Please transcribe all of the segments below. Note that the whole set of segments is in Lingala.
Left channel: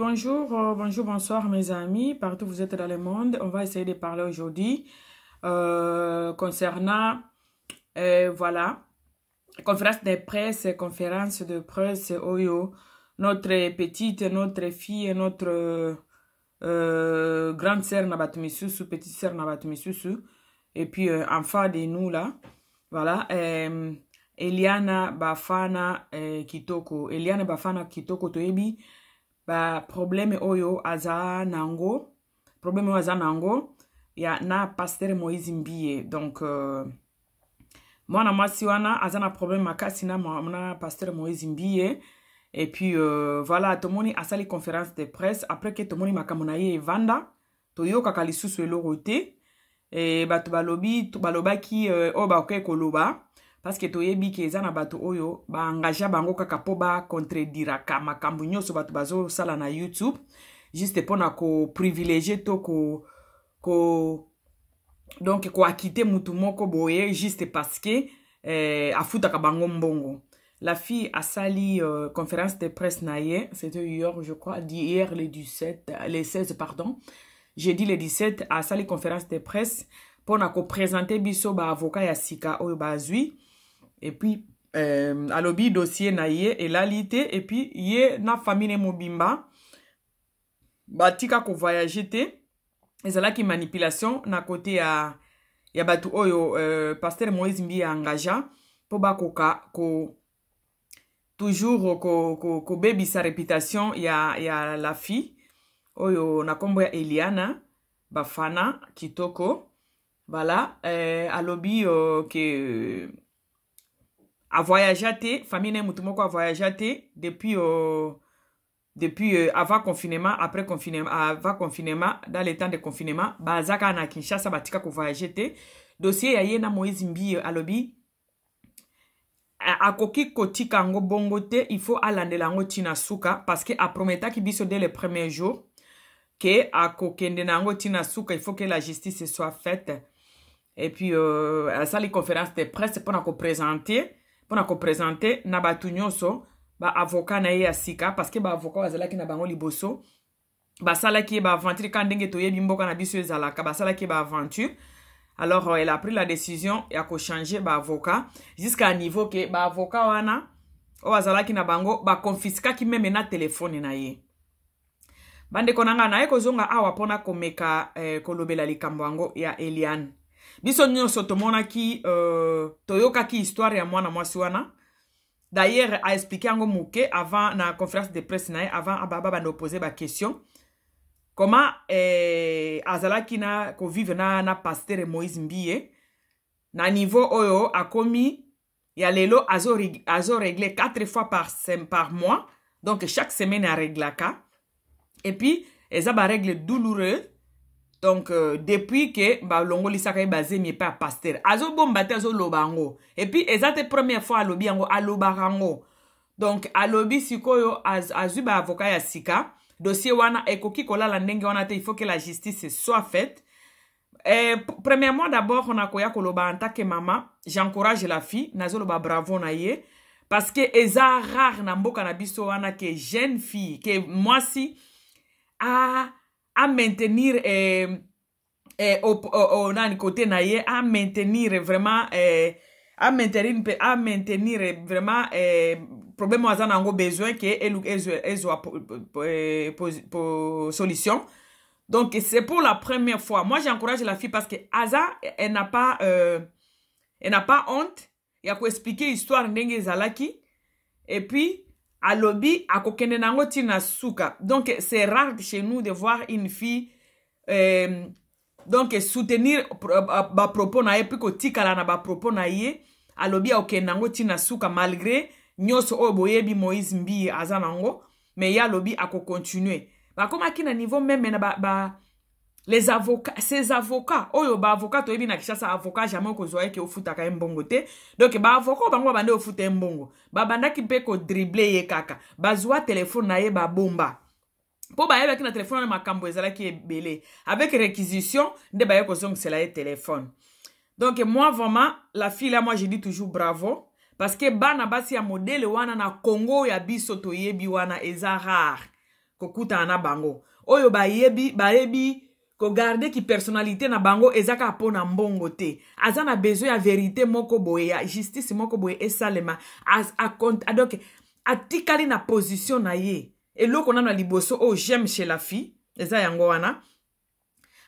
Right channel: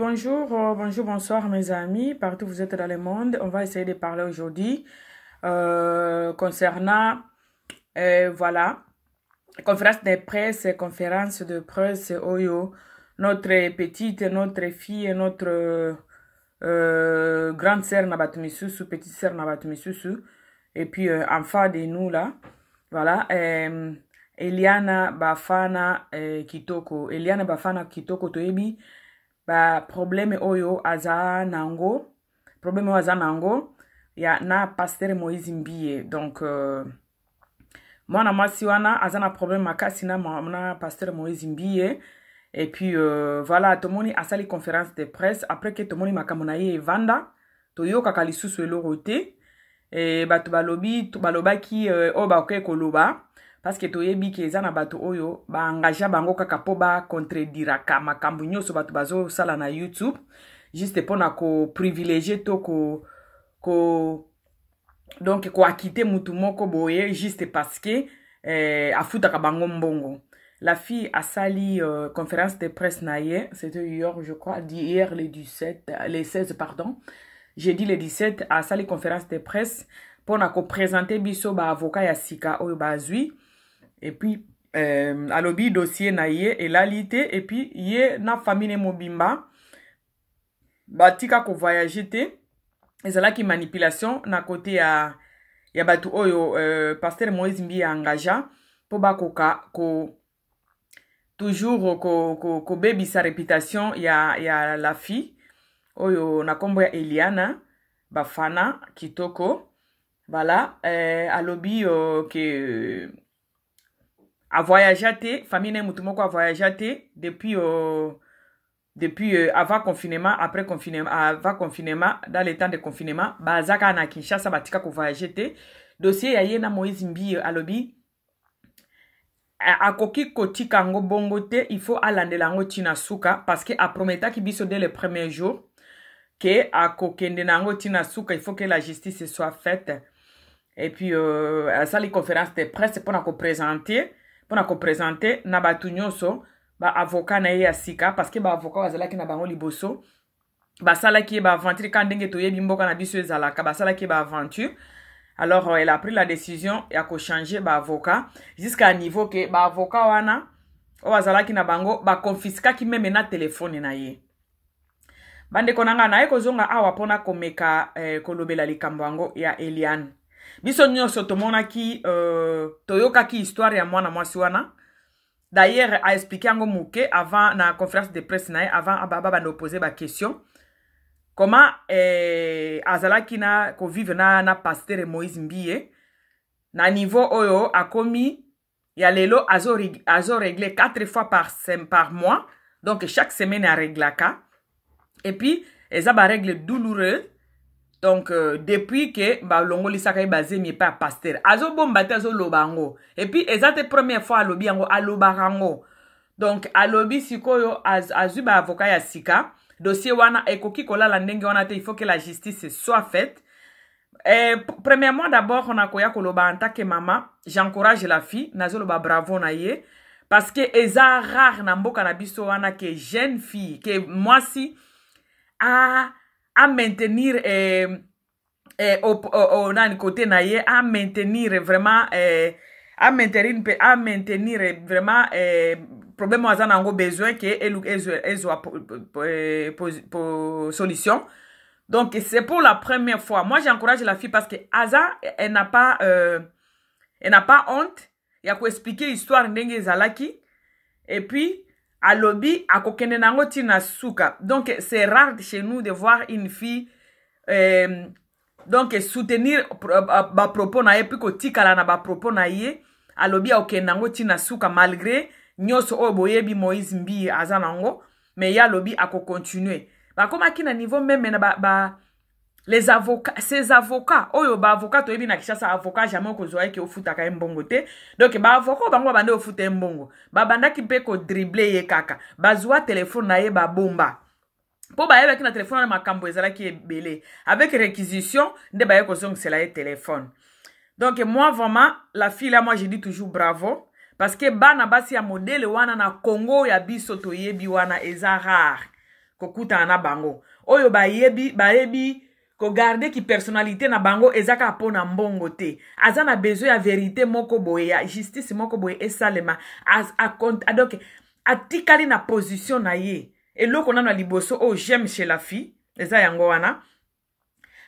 Bonjour, bonjour, bonsoir mes amis, partout où vous êtes dans le monde. On va essayer de parler aujourd'hui concernant, voilà, conférence de presse, Oyo, notre petite, notre fille, notre grande sœur Nabatumisusu, petite sœur Nabatumisusu, et puis enfant de nous là, voilà, Eliana Bafana Kitoko, Eliana Bafana Kitoko Toebi, ba problème oyo aza nango ya na pasteur Moïse Mbie donc mwana mwasi wana aza na problème makasi na pasteur Moïse Mbie et puis voilà tomoni asali conférence de presse après que tomoni makambo na ye evanda toyokaka lisusu eloko te et bato balobaki oyo bakoki koloba parce que toyebi ke eza na bato oyo ba engagea bango kaka po ba contrediraka makambo nyonso bato bazo sala na YouTube juste pona ko privilégier to donc ko akite mutu moko boye juste parce que afutaka bango mbongo. La fille a sali conférence de presse na ye, c'était hier je crois, hier le 16 pardon. Jeudi le 17 a sali conférence de presse pona ko présenter biso ba avocat ya sika oyo bazui. Et puis, alobi dossier na ye elalite et puis ye na famille mobimba batika ko voyager te ezalaki manipulation na côté ya batu oyo pasteur Moïse Mbie engagea po bakoka toujours ko baby sa réputation ya la fille oyo na kombo ya Eliana Bafana Kitoko, voilà, alobi que a voyagé, famille mutumoko a voyagé depuis avant confinement, après confinement, avant confinement, dans les temps de confinement, bazaka na Kinshasa batika ko voyager. Dossier ya yena Moïse Mbie alobi akoki kotika ngo bongo te, il faut alandela ngo tina suka parce que a prometa ki biso dès le premier jour que akokende na ngo tina suka, il faut que la justice soit faite. Et puis à sali conférence de presse pour ko présenter na batu nyonso ba avocat na ye ya sika parce que ba avocat bazalaki na bango liboso ba salaki ba aventure quand ndenge toyebi mboka na biso ezalaka ba salaki ba aventure. Alors elle a pris la décision ya ko changer ba avocat jusqu'à niveau que ba avocat wana o bazalaki na bango ba confisquaki même na téléphone na ye. Bande konanga na ye kozonga awa pona komeka kolobela likambo yango ya Eliane. Biso nyonso tomonaki toyokaki histoire ya mwana mwasi wana. D'ailleurs a expliqué yango muke avant na conférence de presse na ye avant ababa bande poser ba question. Comment azalaki na ko vivre na pasteur Moïse Mbie na niveau oyo akomi ya lelo azo régler 4 fois par mois. Donc chaque semaine a réglaka. Et puis eza ba règle douloureuse. Donc, depuis que Longo Sakai basé mi pas pasteur. Azo bombate azo lobango. Et puis, ezate première fois à lobi yango, à lobarango. Donc, à lobi sikoyo azu ba avocat ya sika. Dossier wana ekoki kola la ndenge wana te, il faut que la justice soit faite. Premièrement, d'abord, on a koya koloba en tant que maman. J'encourage la fille. Nazo loba bravo na ye. Parce que eza rare na mboka na biso wana que jeune fille, que moi si, à maintenir au côté naie à maintenir vraiment à maintenir vraiment problème aux anango besoin que solution. Donc c'est pour la première fois. Moi j'encourage la fille parce que Aza elle n'a pas honte. Il y a quoi expliquer histoire ndenge zalaki et puis à lobby, à kokende nango tina suka. Donc, c'est rare chez nous de voir une fille donc soutenir ba propos na ye, puis ko tikala na ba propos na ye, à lobby à okende nango tina suka malgré nyoso oboyebi Moïse Mbie azanango, mais ya lobby à ko continuer. Ba comme aki na niveau même na les avocats, ces avocats, oyo ba avocat to ebi na Kinshasa avocat jamais ko zoye ke ofutaka mbongo te. Donc ba avocat bango bande ofuta mbongo. Ba banda ki pe ko dribbler ye kaka. Ba zwa téléphone na ye ba bomba. Po ba yeba ki na téléphone na makambo ezala ki ebele. Avec réquisition, nde ba ye ko zong cela ye téléphone. Donc moi vraiment la fille là moi je dis toujours bravo parce que bana basi ya modèle wana na Congo ya biso to yebi wana eza rare. kokuta na bango oyo bayebi ko garder ki personnalité na bango ezaka pona mbongo te azana besoin ya vérité moko boye ya justice moko boye esalema donc atikali na position na ye eloko na liboso o j'aime chez la fille eza yango wana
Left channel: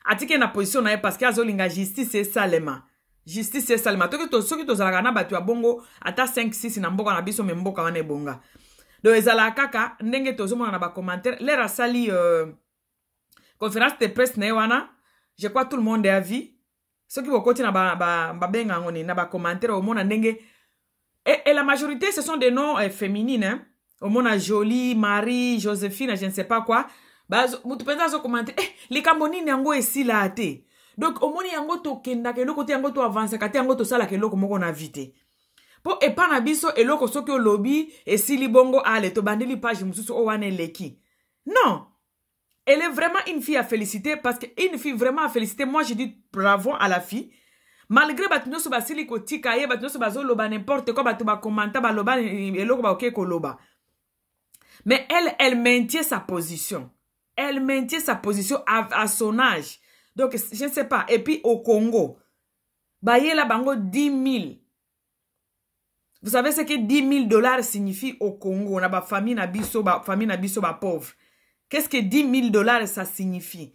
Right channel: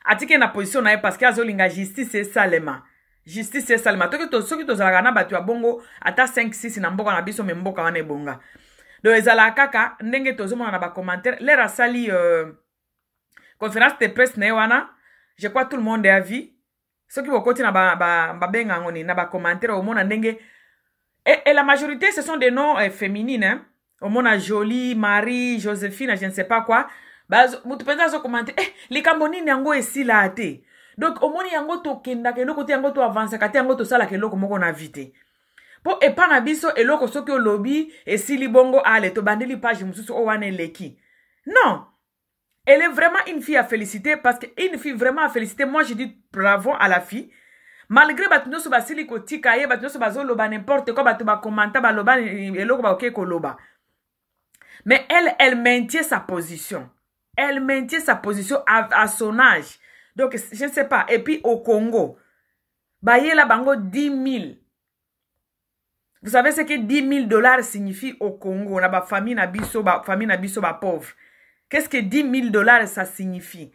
atike na position na ye parce que azolinga justice esalema soki tozalaka na bato ya bongo ata 5-6 na mboka na biso me mboka wana ebonga donc ezalaka kaka ndenge tozomona na bacommentaire lere asali conférence de presse na ye wana je crois tout le monde a vu soki bokoti na babenga ngoni na bacommentaire omona ndenge et la majorité ce sont des noms féminines hein? Omona Jolie, Marie, Joséphine, je ne sais pas quoi mutu penza azokomante likambo nini yango esila ate donc omoni yango tokendaka eloko te yango to avancaka te yango tosalaka eloko moko na vite po epa na biso eloko soki olobi esili bongo ale tobandeli page mosusu o wana eleki non. Elle est vraiment une fille à féliciter parce qu'une fille vraiment à féliciter. Moi, je dis bravo à la fille. Malgré batino so basili ko tikaye, batino so bazo loba n'importe quoi, batu ba commenta ba loba eloko ba oké ko loba. Mais elle maintient sa position. Elle maintient sa position à son âge. Donc, je ne sais pas. Et puis, au Congo, baye la bango 10 000. Vous savez ce que $10 000 signifie au Congo? On a ba famille na biso ba pauvre. Qu'est-ce que $10 000 ça signifie?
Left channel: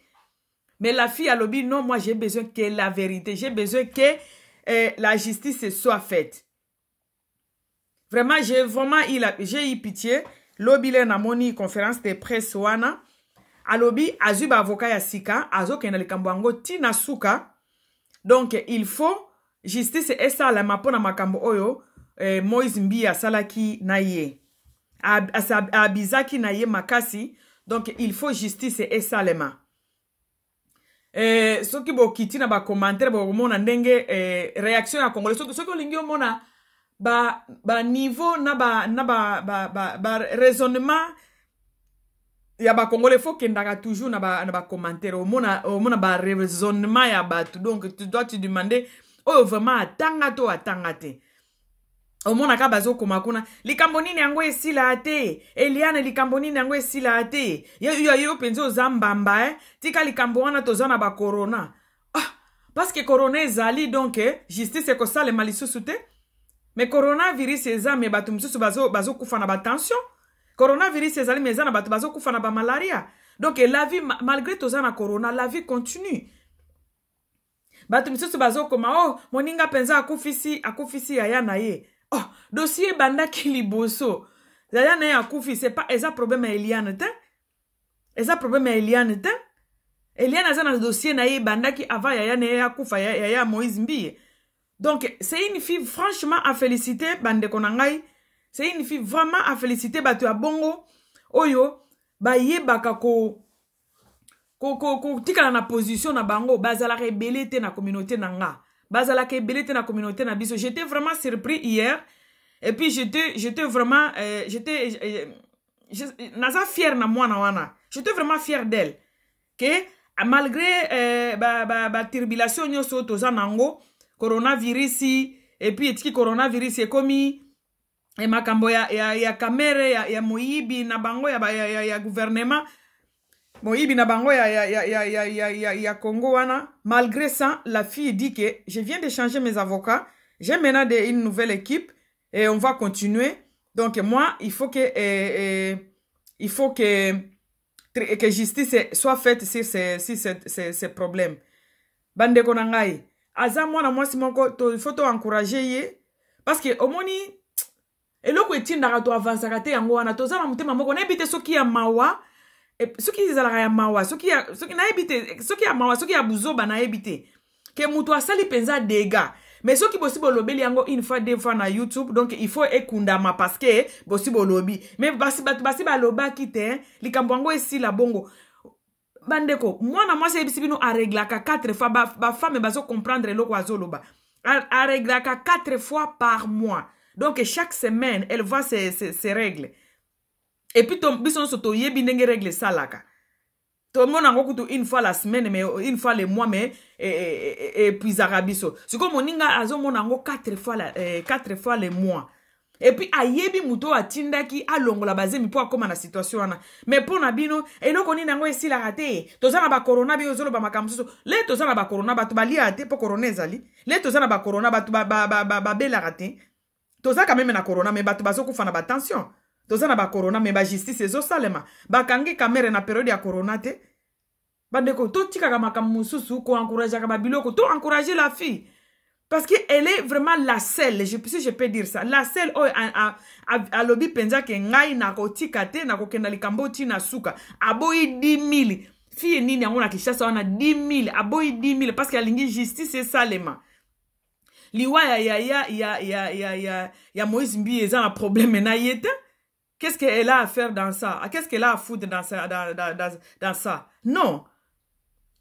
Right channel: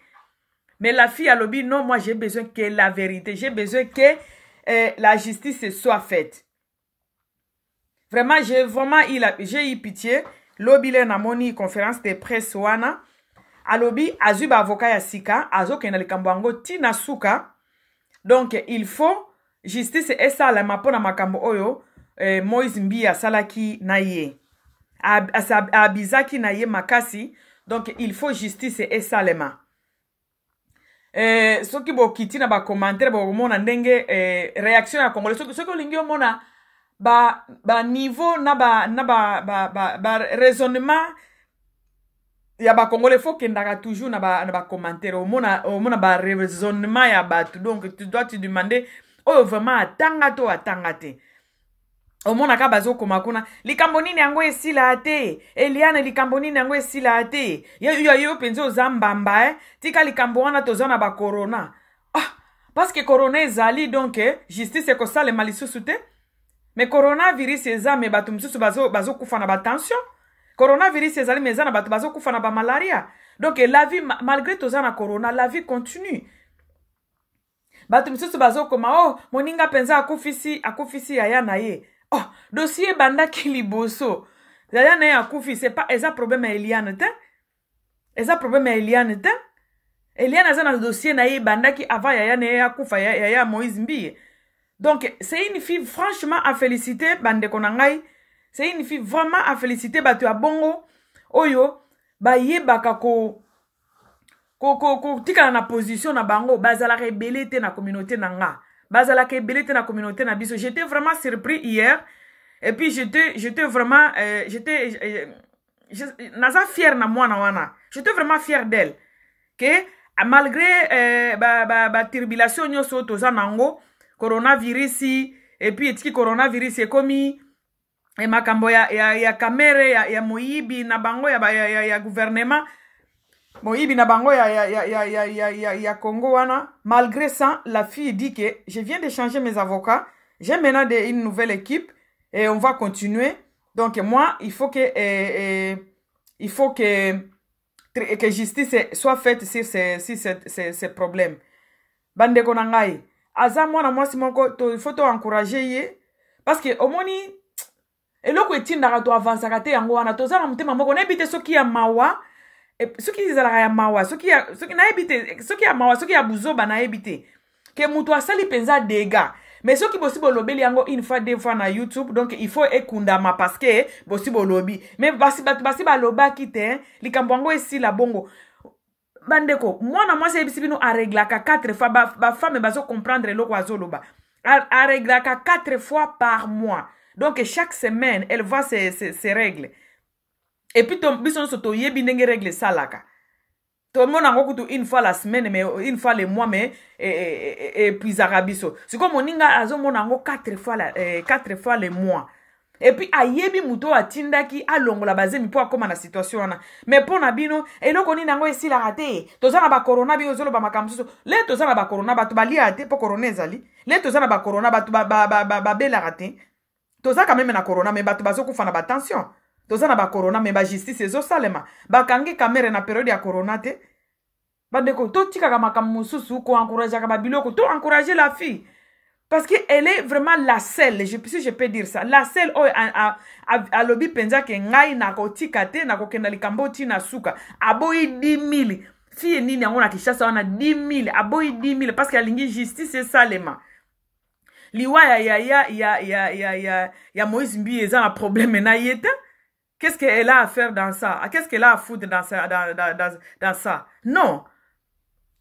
Mais la fille a lobby, non, moi j'ai besoin que la vérité, j'ai besoin que la justice soit faite. Vraiment, j'ai eu pitié. Lobby le namoni conférence de presse wana. A lobby, azuba avocat ya sika, azo kenali kambango tina suka. Donc, il faut justice esa la mapona makambo oyo, Moïse Mbia salaki na ye. Abizaki na ye makasi. Donc, il faut justice et salema. Ce qui bo kiti na ba commentaire bo mona ndenge réaction ya congolais. Ce qui lingi mona ba niveau na ba raisonnement ya ba congolais faut kendaka toujours na ba commentaire mona ba raisonnement ya batu. Donc, tu dois te demander oh vraiment atanga te. Omona ka bazo komakuna likambo nini yango esila ate Eliane likambo nini yango esila ate yo penzo zambamba tika likambo wana tozana ba corona parce que corona ezali donc justice ko sale malisusu te mais coronavirus ezame batu msusu bazo kufa na ba tension coronavirus ezali mezana batu bazo kufa na ba malaria donc la vie malgré tozana corona la vie continue batu msusu bazo koma moninga penza akufisi yaya na ye dossier bandaki liboso. Zaya na ya kufi, c'est pas eza problème à Eliane te. Eza problème à Eliane te. Eliane a dans le dossier na ye bandaki avant yaya na ya kufa yaya Moïse Mbie. Donc c'est une fille franchement à féliciter bande konangai. C'est une fille vraiment à féliciter batu ya bongo oyo ba yebaka ko tika na position na bango bazala rebelle te na communauté nanga. Bazala ke belete na communauté na biso. J'étais vraiment surpris hier. Et puis j'étais vraiment naza fière na moi na wana. J'étais vraiment fière d'elle. Que malgré ba tribulation nyoso toza nango coronavirus et puis etiki coronavirus e komi e makambo ya kamere ya moyibi na bango ya gouvernement Moïbi na bango ya Congo wana. Malgré ça, la fille dit que je viens de changer mes avocats. J'ai maintenant une nouvelle équipe et on va continuer. Donc moi, il faut que justice soit faite sur ces problèmes. Bande konangai. Aza mwana mwasi moko il faut to encourager ye parce que omoni eloko etindaka to avancer kate yango wana tozana mutema moko na ebite soki ya mawa. Soki izalaka ya mawa, soki ya mawa, soki ya buzoba na ebite. Ke mutu asali penza dega. Mais soki possible lobeli yango une fois deux fois na YouTube, donc il faut ekundama parce que possible lobi. Mais basi ba loba kite, likambo yango esi la bongo. Bandeko, mwana mwasi ebisi bino areglaka 4 fois ba femme bazo comprendre loko azoloba. Areglaka 4 fois par mois. Donc chaque semaine, elle voit ses règles. Et puis, bison soto yebi nenge règle salaka. Tout le monde a beaucoup une fois la semaine, mais une fois le mois, mais et puis arabiso. C'est comme moninga azo monango 4 fois le mois. Et puis ayebi muto atindaki alongola bazemi po akoma na situation wana. Mais po na bino eloko ni nango esila rate. Tozana ba corona bi ozolo ba makamsuso. Le tozana ba corona batu ba lia ate po corona ezali. Le tozana ba corona batu ba bela rate. Toza quand même na corona mais batu bazo kufa na ba tension. Tozana ba corona mais ba justice ezo salema. Ba kangi kamere na période ya corona te. Bandeko to tika ka makamsuso ko encourager ka ba biloko to encourager la fille. Parce qu'elle est vraiment la seule, si je peux dire ça, la seule à lobby penza ke ngai na ko tikate na ko kenda likambo tina suka. Aboyi 10,000. Fille nini yango na Kinshasa wana 10,000, aboyi 10,000 parce qu'elle lingi justice et salema. Liwa ya Moïse Mbi eza un problème na yete. Qu'est-ce qu'elle a à faire dans ça? Qu'est-ce qu'elle a à foutre dans ça? Non.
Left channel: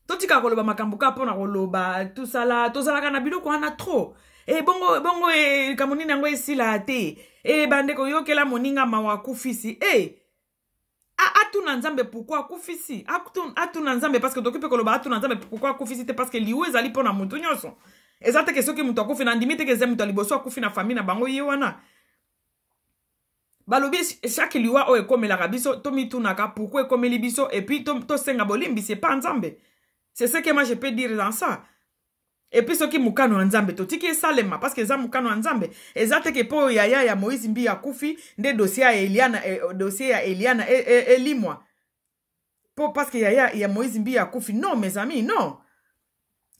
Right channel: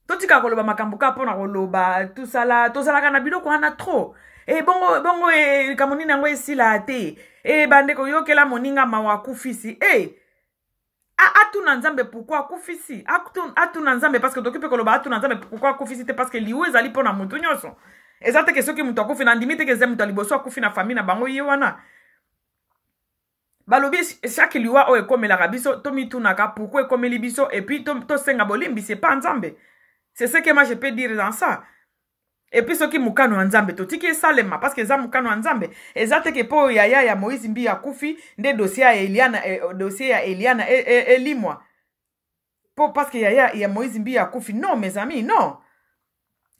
Totika koloba makambuka pona koloba tout ça là kana biloko wana trop et bongo kamoni nango esila te et bandeko yokela moninga mawa kufisi atuna nzambe pourquoi kufisi atuna nzambe parce que tokipe koloba atuna nzambe pourquoi kufisi te parce que liwe ezali pona mutu nyonso ezate ke soki mutu akufi na ndimite ke zemu taliboso akufi na famille na bango ye wana balobi chaque liwa o ekomela biso to mitunaka pourquoi ekomeli biso et puis to senga bolimbi c'est pas nzambe. C'est ce que moi je peux dire dans ça. Et puis ce qui mukano nzambe to tiki salema parce que za mukano nzambe ezate ke po ya Moïse Mbi ya kufi nde dossier ya Eliana elimwa. Po parce que ya Moïse Mbi ya kufi non mes amis non.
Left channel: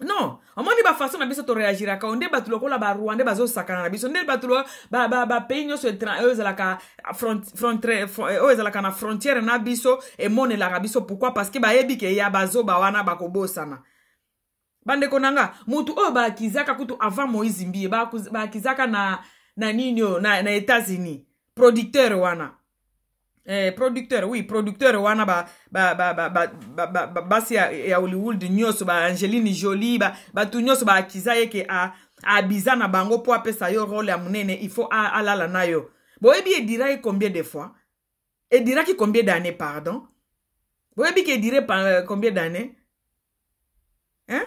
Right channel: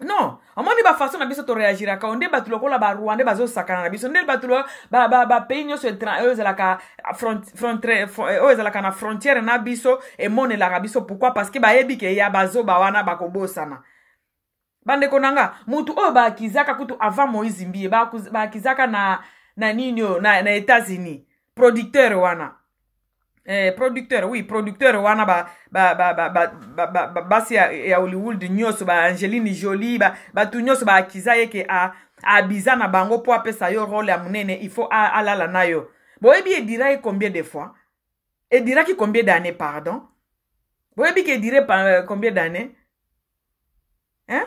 Non, omoni ba façon na biso to réagir ka onde batulo kola ba Rwanda bazo sakana na biso nde batulo ba pays nyo so la ka la na frontière na biso e mone la biso pourquoi parce que ba yebi ke ya bazo ba wana ba kobosana. Bande konanga mutu o ba kizaka kutu avant Moïse Mbi ba kizaka na ninyo na États-Unis producteur wana. Producteur wana basi ya Hollywood nyoso ba Angelina Jolie ba tu nyoso ba akiza yeke a bizana bango po apesa yo rôle ya munene il faut alala nayo. Boyebi e dira combien de fois? E dira ki combien d'années pardon? Boyebi ke dire combien d'années? Hein?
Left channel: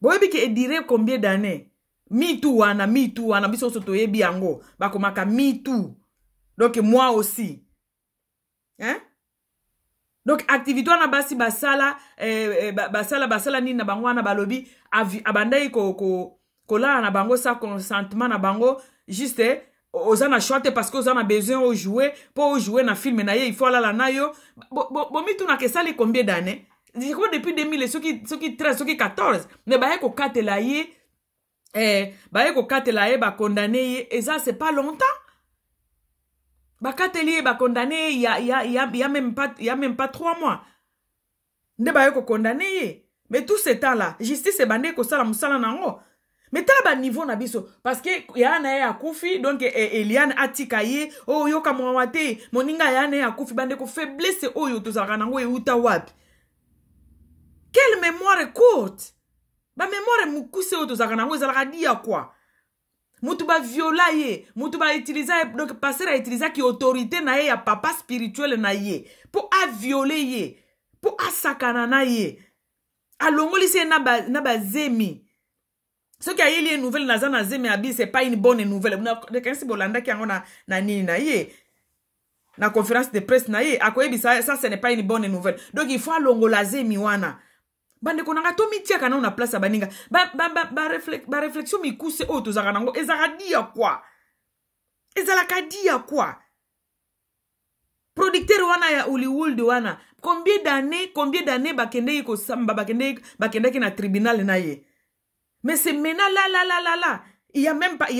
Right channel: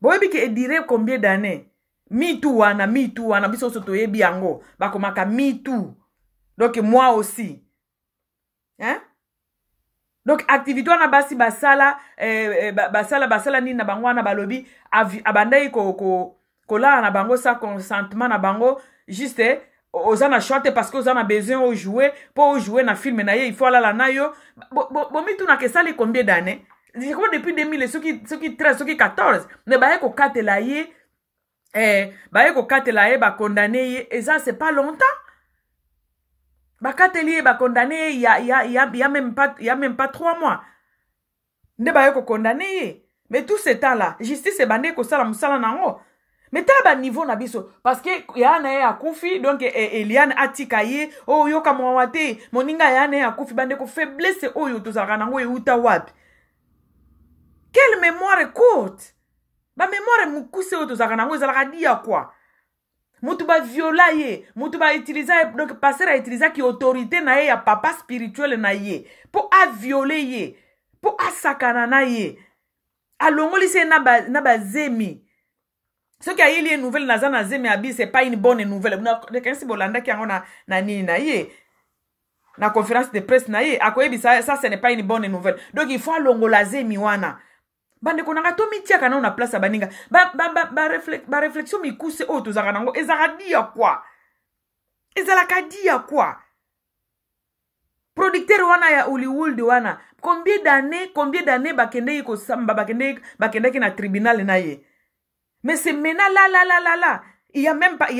Boyebi ke dire combien d'années? Me too wana biso soto yebi yango bakomaka me too. Donc moi aussi. Hein? Donc activité wana basi basala basala nini na bango wana balobi abandai ko la na bango sa consentement na bango juste ozana shorte parce que ozana besoin au jouer pour jouer na film na ye il faut la na yo mitu na kesali combien d'années depuis 2000 ceux qui 13 ceux qui 14 ne ba ko katela ye ba condamné ye et ça c'est pas longtemps. Bakateli ba condamné il y a même pas 3 mois. Ne ba ko condamné. Mais tout ce temps là, justice bandé ko sala musala nango. Mais tel ba niveau na biso parce que ya na ya kufi donc Eliane atikaye o yo kama wate moninga ya na ya kufi bandé ko faiblesse oyo to zaka nango e uta wapi. Quelle mémoire courte. Ba mémoire mukuse oyo to zaka nango ezalaka dia quoi. Mutu ba viola ye, mutu ba utiliser donc passer à utiliser qui autorité na ye ya papa spirituel na ye pour a violer ye, pour a sakana na ye. Alongoli se na ba zemi. Ce qui a eu une nouvelle na zemi abi c'est pas une bonne nouvelle. De quand si bolanda ki ngona na nini na ye. Na conférence de presse na ye, akoyebi ça ce n'est pas une bonne nouvelle. Donc il faut alongola zemi wana. Bande konanga to mitia kana na place baninga ba réflexion mikuse o to zaka nango ezaka dia quoi producteur wana ya Hollywood wana combien d'années bakende ko samba bakende ki na tribunal na ye mais c'est mena la il y a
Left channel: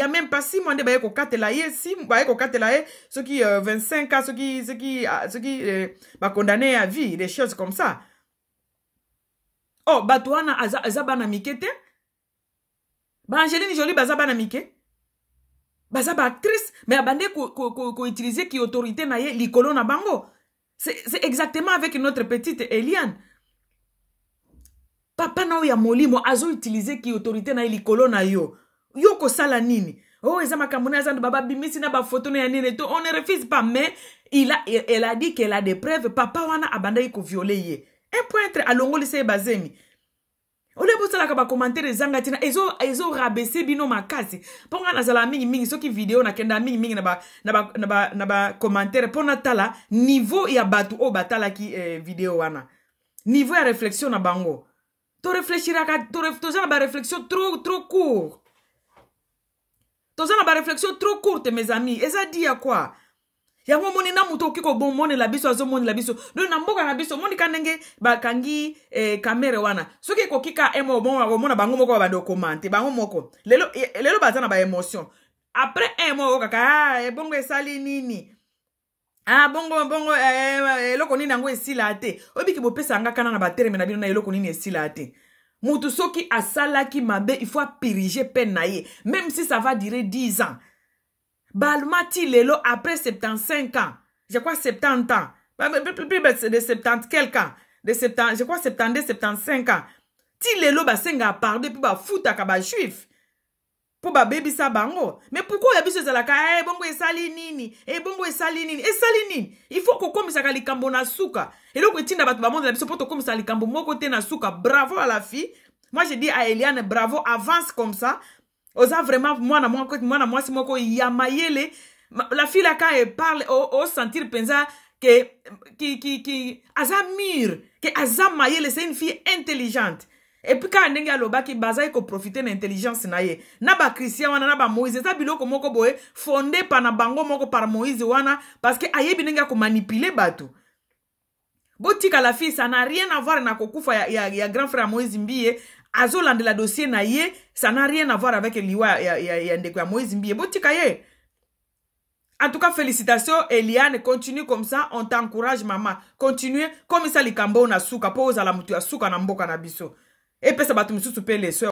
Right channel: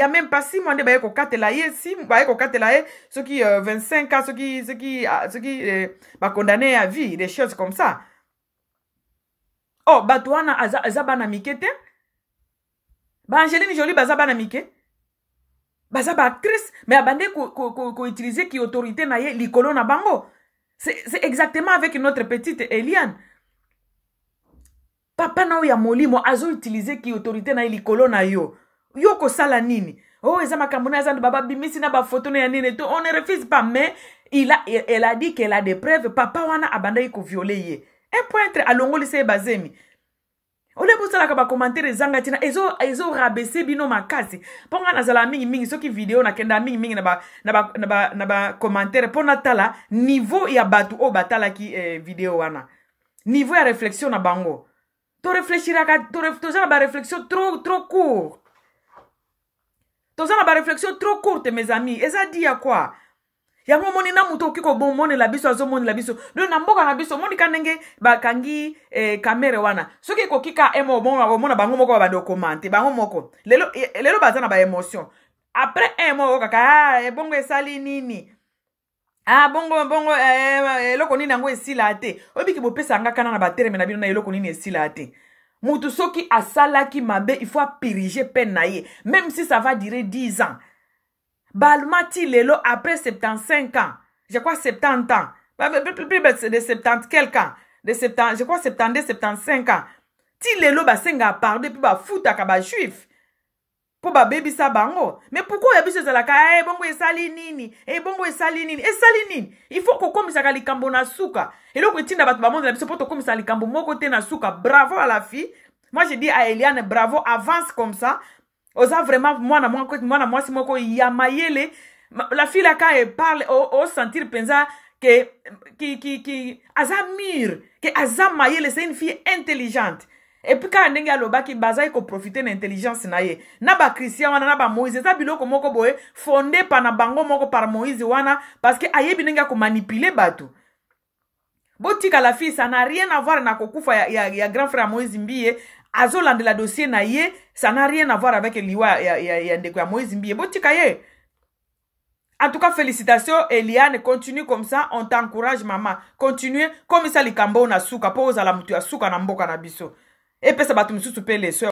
même pas 6 mois de ba ko katela ye 6 ba ko katela ye ceux qui 25 ans ceux qui ba condamné à vie des choses comme ça. Oh, Batouana azabana mikete. Ba Angelina Jolie bazabana mike. Bazaba actrice, mais abandé ko utiliser qui autorité na ye likolo na bango. C'est exactement avec notre petite Eliane. Papa na ya molimo azo utiliser qui autorité na ye likolo na yo. Yo ko sala nini? Oh, eza makamuna za baba bimisi na ba photo na nini to on ne refuse pas mais elle a dit qu'elle a des preuves papa wana abandé ko violer ye. Un pointre alongoli se bazemi. Ole bosala ka ba commentaire zanga tina ezo rabaisser bino makasi. Ponga nazala mingi soki video na kenda mingi na ba commentaire pona tala niveau ya batu o batala ki video wana. Niveau ya réflexion na bango. To réfléchira ka to za ba réflexion trop court. To za ba réflexion trop courte mes amis. Eza dit ya quoi? Yango moni na muto kiko bon moni la biso azo moni la biso. Do na mboka na biso moni kanenge ba kangi kamera wana. Soki ko kika emo bon ba mona bango moko ba do commenter bango moko. Lelo bazana ba émotion. Après emo kaka bongo esali nini. Bongo eloko nini yango esila ate. Obiki bopesa nga kana na ba terme na bino na eloko nini esila ate. Mutu soki asalaki mabe il faut piriger peine na ye même si ça va durer 10 ans. Balmati lelo après 75 ans. Je crois 70 ans. Plus de 70 quelques ans. De 70, je crois 72, 75 ans. Ti lelo basenga pardon puis ba futa ka ba juif. Pour ba baby sa bango. Mais pourquoi ya biso zalaka bongo esali nini? Bongo esali nini? Esali nini? Il faut ko komisa ka likambo na suka. Et loko tinda batu ba monde na biso poto komisa likambo moko te na suka. Bravo à la fille. Moi je dis à Eliane bravo, avance comme ça. Osa vraiment moi si moko yamayele. La fille là quand elle parle au sentir pensa que azamir, que azamayele c'est une fille intelligente. Et puis quand ndenge aloba ki baza ko profiter de l'intelligence na ye. Na ba Christian wana na ba Moïse ça biloko moko boye fondé par na bango moko par Moïse wana parce que ayebi ndenge ko manipuler batu. Botika la fille ça n'a rien à voir na kokufa ya grand frère Moïse Mbiye. Azolande la dossier na ye, ça n'a rien à voir avec liwa ya ndeko ya Moïse Mbiye. Botika ye. En tout cas, félicitations, Eliane. Continue comme ça. On t'encourage, maman. Continue. Comme ça, les kambo na suka. Pose à la mutu ya suka na mboka na biso. Et puis, ça va tout me souper les soeurs.